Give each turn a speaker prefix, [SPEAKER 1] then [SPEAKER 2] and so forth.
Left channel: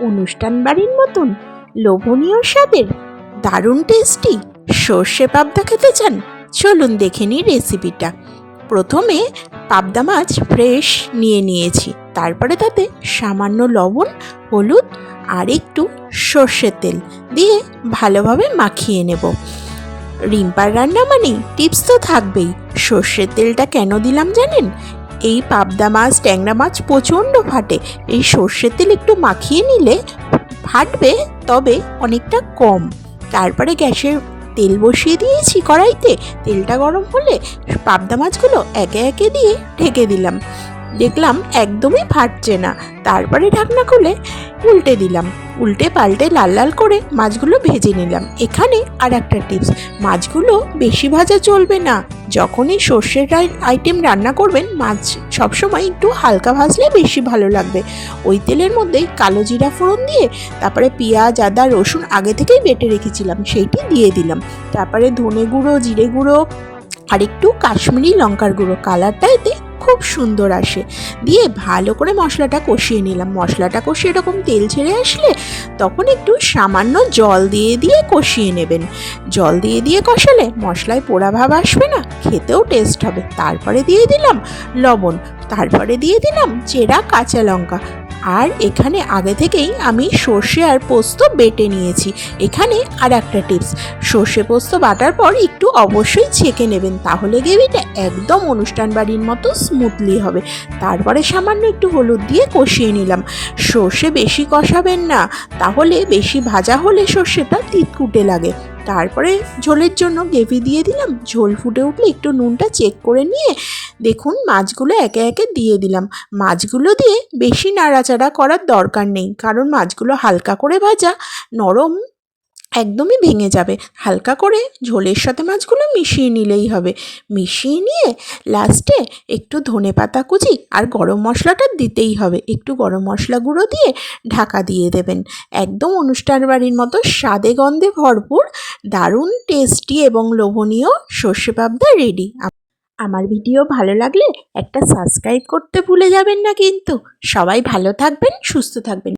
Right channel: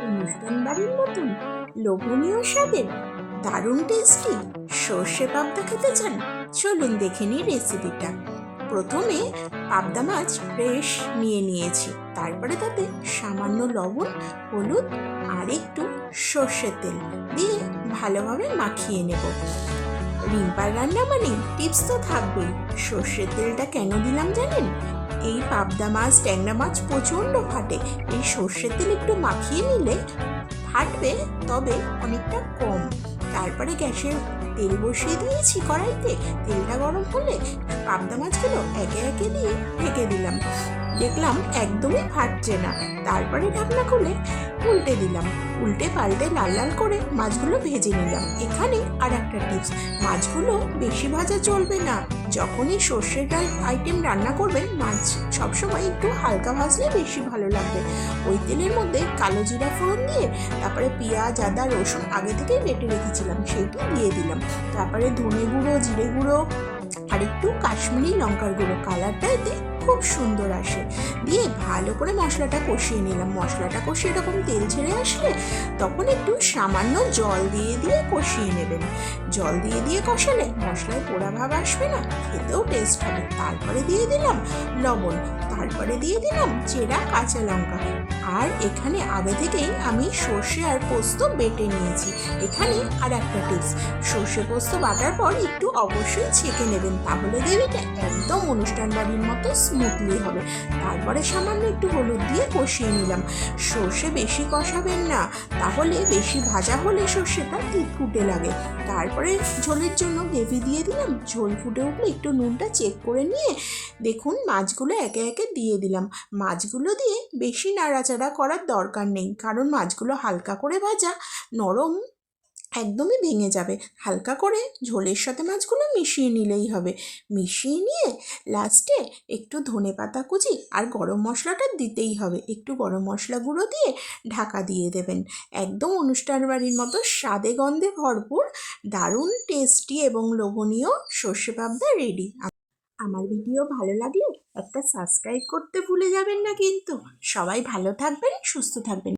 [SPEAKER 1] অনুষ্ঠান বাড়ির মতন, লোভনীয় স্বাদের, দারুণ টেস্টি সর্ষে পাবদা খেতে চান? চলুন দেখে নিই রেসিপিটা প্রথমে পাবদা মাছ ফ্রেশ নিয়ে নিয়েছি। তারপরে তাতে সামান্য লবণ, হলুদ আর একটু সর্ষের তেল দিয়ে ভালোভাবে মাখিয়ে নেব। রিম্পার রান্না মানে টিপস তো থাকবেই। সর্ষের তেলটা কেন দিলাম জানেন? এই পাবদা মাছ, ট্যাংরা মাছ প্রচণ্ড ফাটে। এই সর্ষের তেল একটু মাখিয়ে নিলে ফাটবে, তবে অনেকটা কম। তারপরে গ্যাসের তেল বসিয়ে দিয়েছি কড়াইতে। তেলটা গরম হলে পাবদা মাছগুলো একে একে দিয়ে ঢেকে দিলাম। দেখলাম একদমই ফাটছে না। তারপরে ঢাকনা খুলে উল্টে দিলাম। উল্টে পাল্টে লাল লাল করে মাছগুলো ভেজে নিলাম। এখানে আর একটা টিপস মাছগুলো বেশি ভাজা চলবে না। যখনই সর্ষের আইটেম রান্না করবেন, মাছ সবসময় একটু হালকা ভাজলে বেশি ভালো লাগবে। ওই তেলের মধ্যে কালো জিরা ফোড়ন দিয়ে, তারপরে পেঁয়াজ, আদা, রসুন আগে থেকেই বেটে রেখেছিলাম, সেইটি দিয়ে দিলাম। তারপরে ধনে গুঁড়ো, জিরে গুঁড়ো, আর একটু কাশ্মীরি লঙ্কার গুঁড়ো। কালারটা এতে খুব সুন্দর আসে। দিয়ে ভালো করে মশলাটা কষিয়ে নিলাম। মশলাটা কষিয়ে এরকম তেল ছেড়ে আসলে তখন একটু সামান্য জল দিয়ে দিয়ে কষিয়ে নেবেন। জল দিয়ে দিয়ে কষালে মশলায় পোড়া ভাব আসবে না, খেতেও টেস্ট হবে। তারপরে দিয়ে দিলাম লবণ, তারপরে দিয়ে দিলাম চেরা কাঁচা লঙ্কা। আর এখানে আগে থেকেই আমি সর্ষে আর পোস্ত বেটে নিয়েছি। এখানে আর একটা টিপস, সর্ষে পোস্ত বাটার পর একটু অবশ্যই ছেঁকে নেবেন, তাহলে গ্রেভিটা একদম অনুষ্ঠান বাড়ির মতো স্মুথলি হবে। তারপরে সামান্য একটু হলুদ দিয়ে কষিয়ে নিলাম। সর্ষে বেশি কষাবেন না, তাহলে বেশি ভাজা হলে সর্ষেটা তিতকুটে লাগে। তারপরে ঝোলের জন্য গ্রেভি দিয়ে দিলাম। ঝোল ফুটে উঠলে একটু নুনটা চেক করে নিয়ে দেখুন মাছগুলো একে একে দিয়ে দিলাম। মাছগুলো দিয়ে বেশি নাড়াচাড়া করার দরকার নেই, কারণ মাছগুলো হালকা করে ভাজা, নরম একদমই ভেঙে যাবে। হালকা করে ঝোলের সাথে মাছগুলো মিশিয়ে নিলেই হবে। মিশিয়ে নিয়ে লাস্টে একটু ধনে পাতা কুচি আর গরম মশলাটা দিতেই হবে। একটু গরম মশলা গুঁড়ো দিয়ে ঢাকা দিয়ে দেবেন। একদম অনুষ্ঠান বাড়ির মতো স্বাদে গন্ধে ভরপুর দারুণ টেস্টি এবং লোভনীয় সর্ষে পাবদা রেডি আমার ভিডিও ভালো লাগলে একটা সাবস্ক্রাইব করতে ভুলে যাবেন না কিন্তু। সবাই ভালো থাকবেন, সুস্থ থাকবেন।